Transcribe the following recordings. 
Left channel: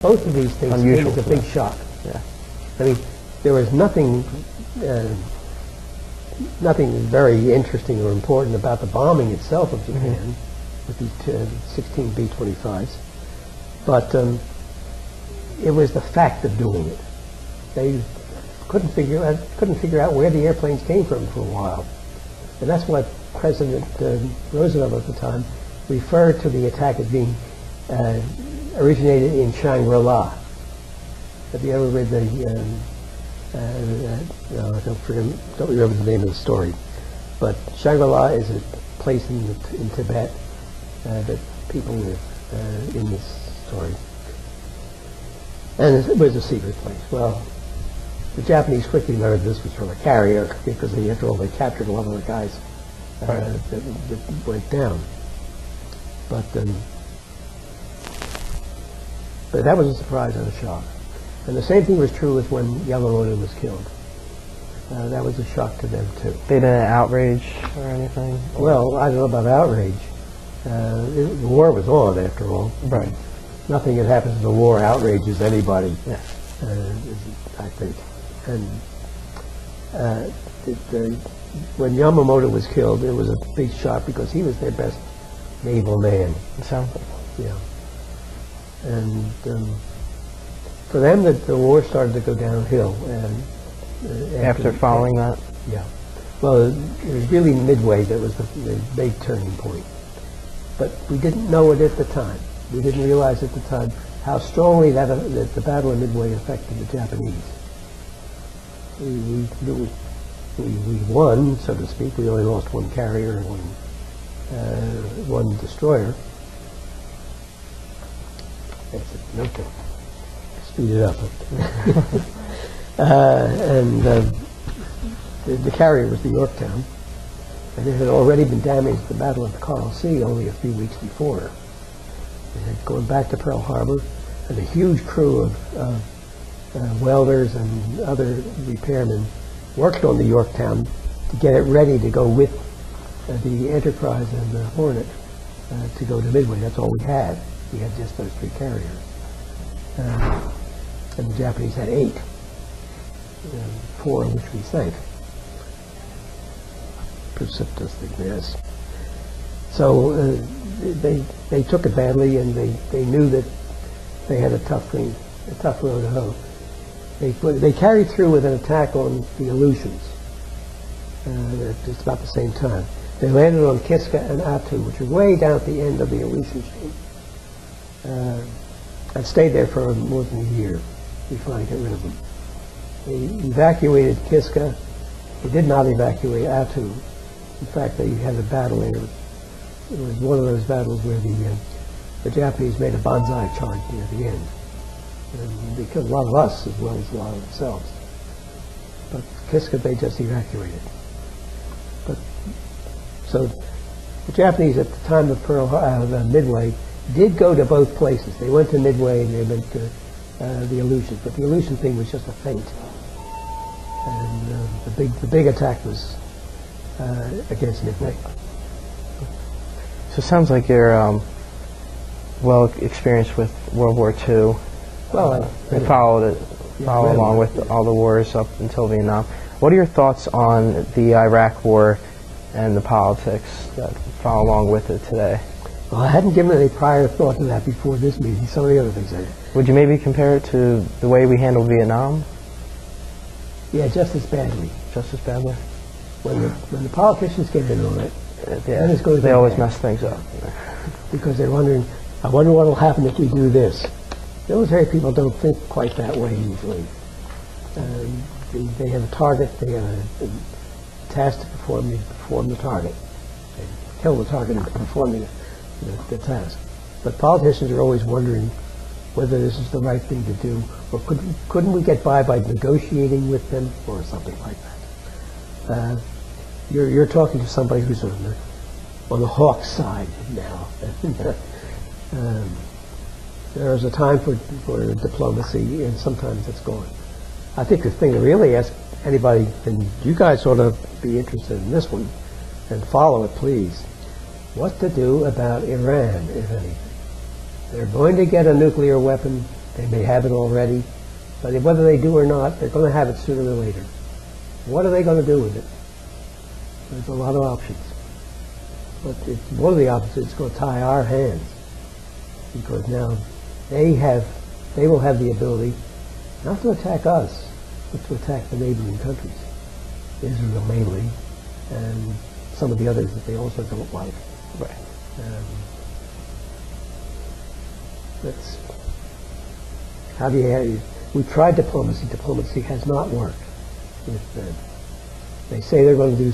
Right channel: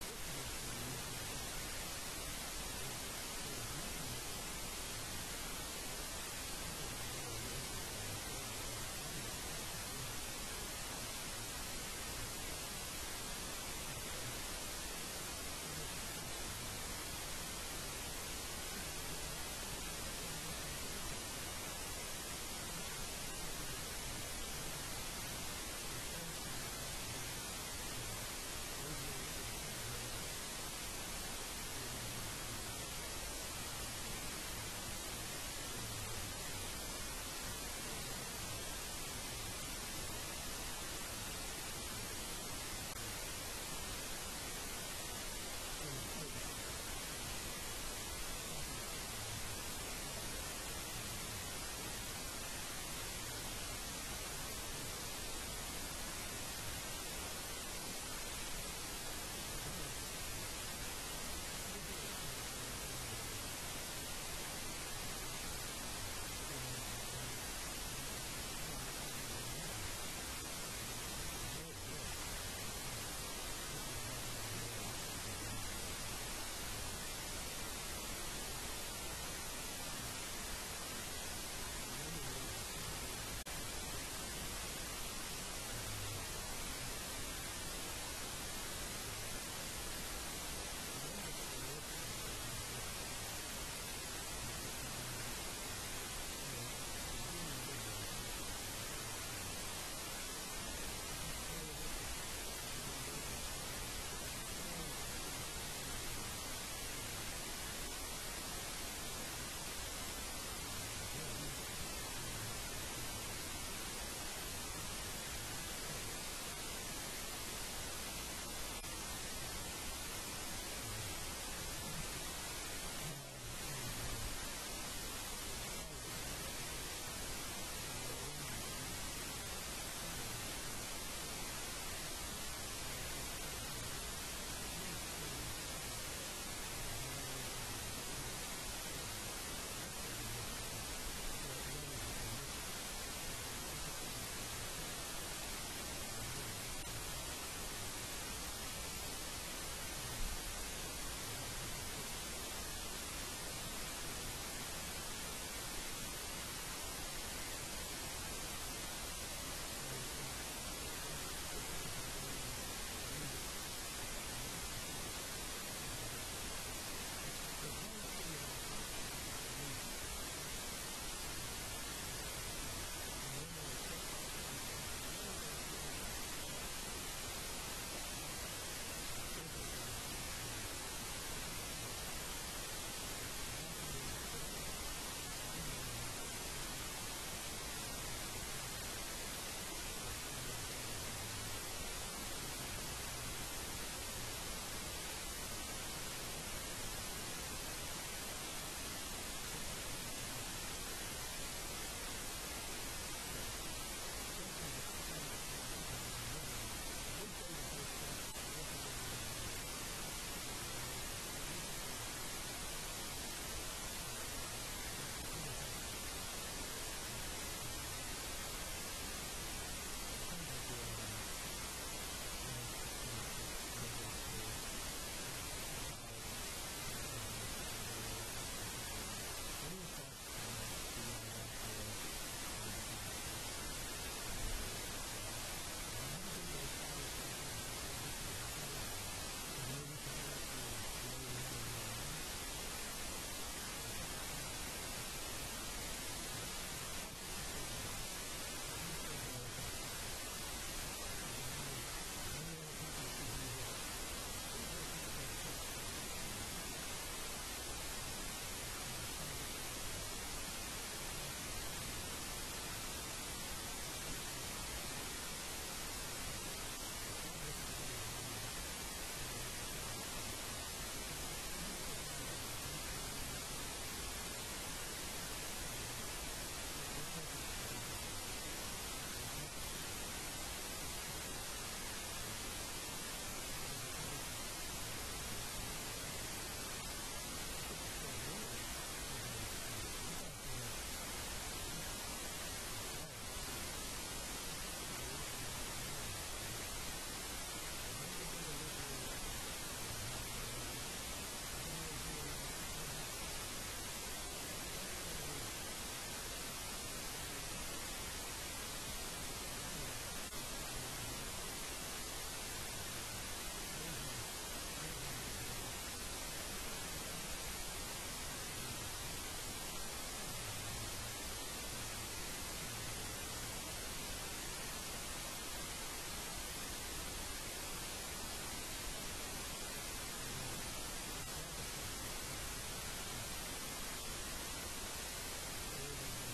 Both of these things came as a big shock. Yeah. I mean, there was nothing very interesting or important about the bombing itself of Japan with these 16 B-25s, but it was the fact of doing it. They couldn't figure out where the airplanes came from for a while, and that's why President Roosevelt at the time referred to the attack as being originated in Shangri-La. Have you ever read the? I don't remember the name of the story, but Shangri-La is a place in Tibet that people live in this story, and it was a secret place. Well, the Japanese quickly learned this was from a carrier because after all they captured a lot of the guys that went down. But that was a surprise and a shock. And the same thing was true with when Yamamoto was killed. That was a shock to them too. They didn't outrage or anything? Well, I don't know about outrage. The war was on, after all. Right. Nothing that happens in the war outrages anybody, yeah. I think. And when Yamamoto was killed, it was a big shock because he was their best naval man. It sounds like. Yeah. And for them, the war started to go downhill. And after following that? Yeah. Well, it was really Midway that was the big turning point. But we didn't know it at the time. We didn't realize at the time how strongly that the Battle of Midway affected the Japanese. We won, so to speak. We only lost one carrier and one destroyer. Okay. Speed it up. The carrier was the Yorktown, and it had already been damaged at the Battle of the Coral Sea only a few weeks before. It had gone back to Pearl Harbor, and a huge crew of welders and other repairmen worked on the Yorktown to get it ready to go with the Enterprise and the Hornet to go to Midway. That's all we had. We had just those three carriers. And the Japanese had 8, 4 of which we sank. Precipitously, yes. So they took it badly, and they knew that they had a tough road to hoe. They carried through with an attack on the Aleutians at just about the same time. They landed on Kiska and Attu, which was way down at the end of the Aleutian Street. And stayed there for more than a year before I got rid of them. They evacuated Kiska. They did not evacuate Attu. In fact, they had a battle there. It was one of those battles where the Japanese made a banzai charge near the end. And they killed a lot of us as well as a lot of themselves. But Kiska they just evacuated. So the Japanese at the time of Midway did go to both places. They went to Midway and they went to the Aleutians, but the Aleutian thing was just a feint. And the big attack was against Midway. So it sounds like you're well experienced with World War II. Well, I followed along with all the wars up until Vietnam. What are your thoughts on the Iraq War and the politics that follow along with it today? Well, I hadn't given any prior thought to that before this meeting. Some of the other things I did. Would you maybe compare it to the way we handled Vietnam? Yeah, just as badly. Just as badly? When the politicians get in on it, yeah, then it goes they always bad. mess things up. Because they're wondering, I wonder what will happen if we do this. Military people don't think quite that way usually. They have a target, they have a task to perform, they perform the target. They kill the target and perform the task. But politicians are always wondering whether this is the right thing to do, or couldn't we get by negotiating with them, or something like that. You're talking to somebody who's on the hawk side now. There's a time for diplomacy, and sometimes it's gone. I think the thing to really ask anybody, and you guys ought to be interested in this one, and follow it, please. What to do about Iran, if any? They're going to get a nuclear weapon They may have it already, but whether they do or not, they're going to have it sooner or later. What are they going to do with it? There's a lot of options. But one of the options is going to tie our hands, because now they will have the ability not to attack us, but to attack the neighboring countries, Israel mainly, and some of the others that they also don't like. Right. That's how do you? We tried diplomacy. Diplomacy has not worked with them. They say they're going to do.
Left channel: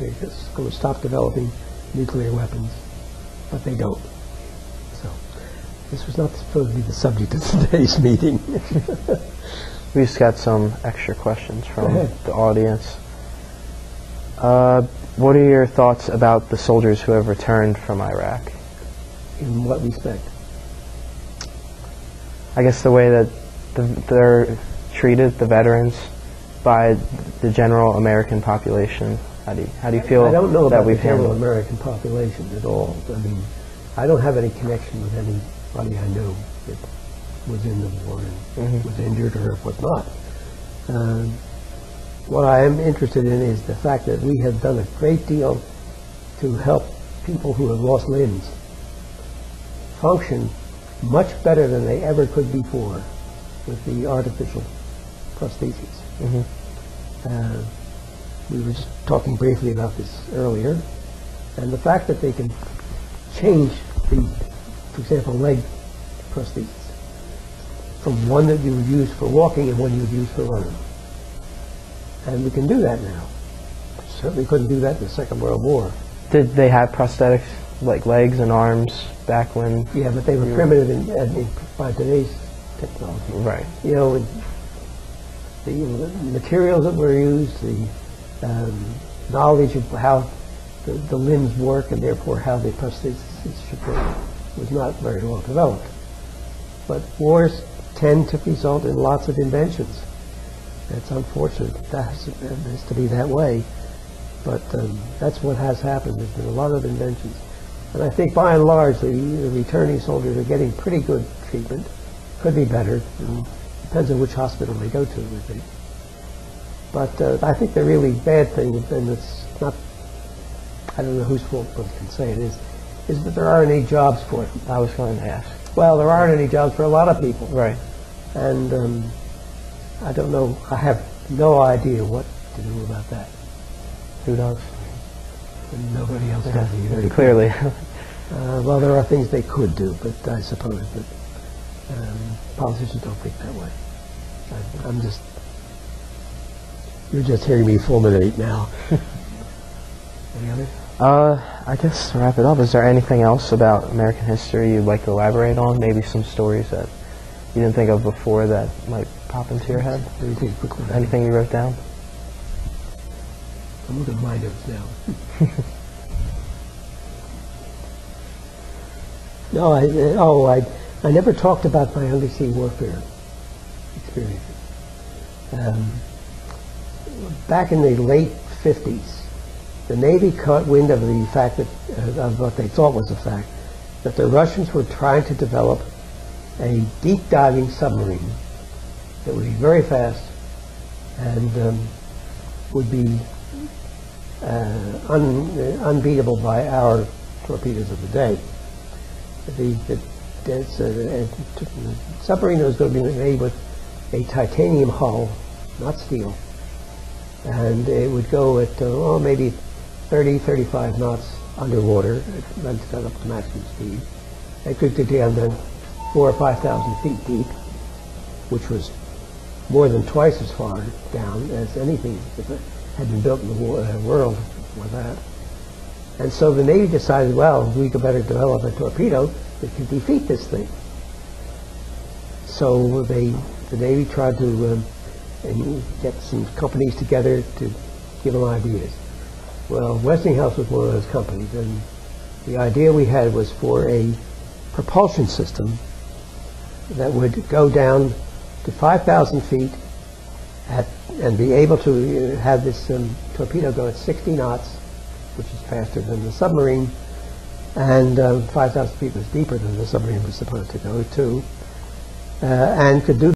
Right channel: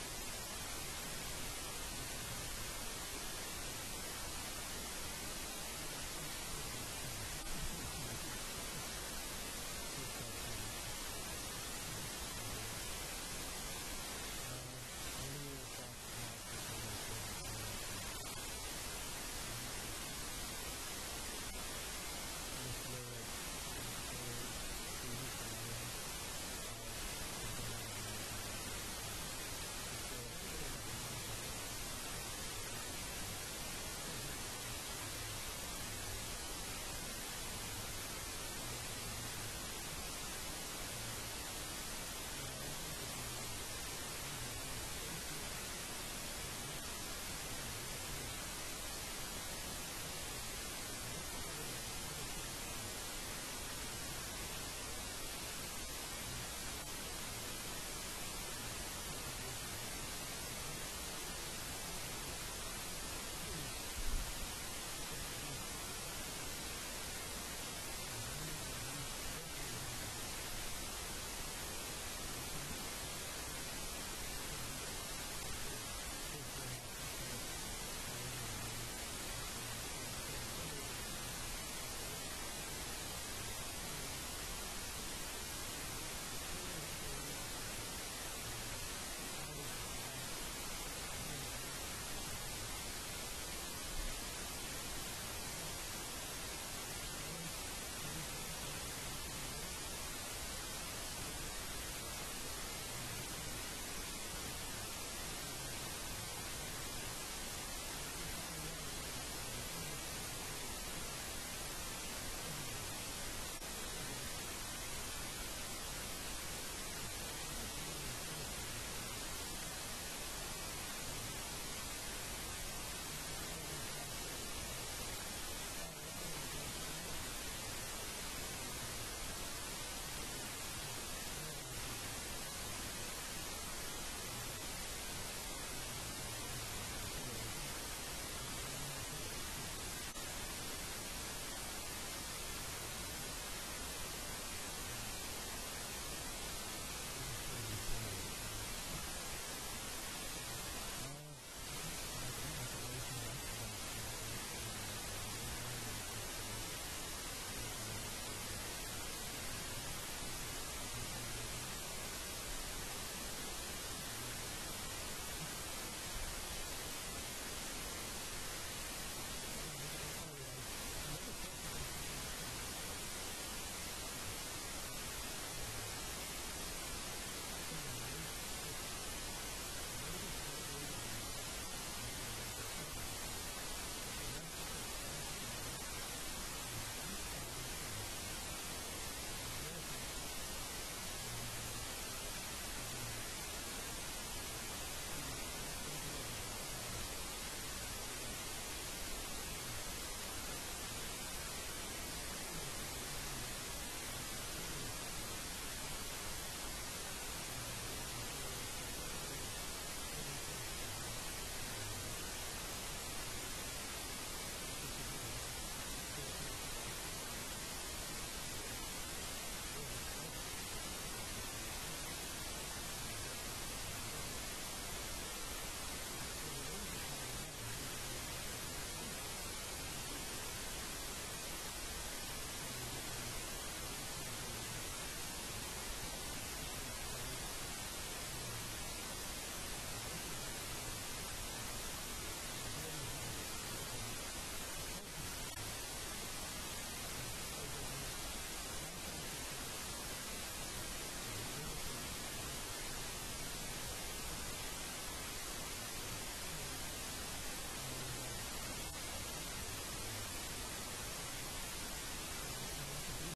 They're just going to stop developing nuclear weapons, but they don't. So this was not supposed to be the subject of today's meeting. We just got some extra questions from the audience. What are your thoughts about the soldiers who have returned from Iraq? In what respect? I guess the way that they're treated, the veterans, by the general American population. How do you feel I don't know that about the we've general handled? American population at all. I mean, I don't have any connection with anybody I know that was in the war and was injured or was not. What I am interested in is the fact that we have done a great deal to help people who have lost limbs function much better than they ever could before with the artificial prostheses. We were just talking briefly about this earlier, and the fact that they can change for example, leg prostheses from one that you would use for walking and one you would use for running. And we can do that now. Certainly couldn't do that in the Second World War. Did they have prosthetics like legs and arms back when? Yeah, but they were primitive by today's technology. Right. You know, the materials that were used, the knowledge of how the limbs work and therefore how the prosthesis should work was not very well developed. But wars tend to result in lots of inventions. It's unfortunate that has to be that way, but that's what has happened. There's been a lot of inventions. And I think by and large the returning soldiers are getting pretty good treatment. Could be better. Depends on which hospital they go to, I think. But I think the really bad thing, and it's not, I don't know whose fault one can say it is that there aren't any jobs for them. I was going to ask. Well, there aren't any jobs for a lot of people. Right. And I don't know, I have no idea what to do about that. Who knows? And nobody else does either. Clearly. Well, there are things they could do, but I suppose that politicians don't think that way. You're just hearing me fulminate now. Any other? I guess to wrap it up, is there anything else about American history you'd like to elaborate on? Maybe some stories that you didn't think of before that might pop into your head? Let me take a quick look. Anything you wrote down? I'm looking at my notes now. No, I never talked about my undersea warfare experiences. Back in the late 50s, the Navy caught wind of the fact that, of what they thought was a fact, that the Russians were trying to develop a deep diving submarine that would be very fast and would be unbeatable by our torpedoes of the day. The submarine was going to be made with a titanium hull, not steel, and it would go at maybe 30, 35 knots underwater. It got up to maximum speed. It could get down to 4,000 or 5,000 feet deep, which was more than twice as far down as anything that had been built in the world before that. And so the Navy decided, well, we could better develop a torpedo that could defeat this thing. So the Navy tried to get some companies together to give them ideas. Well, Westinghouse was one of those companies, and the idea we had was for a propulsion system that would go down to 5,000 feet and be able to have this torpedo go at 60 knots, which is faster than the submarine, and 5,000 feet was deeper than the submarine was supposed to go to. and could do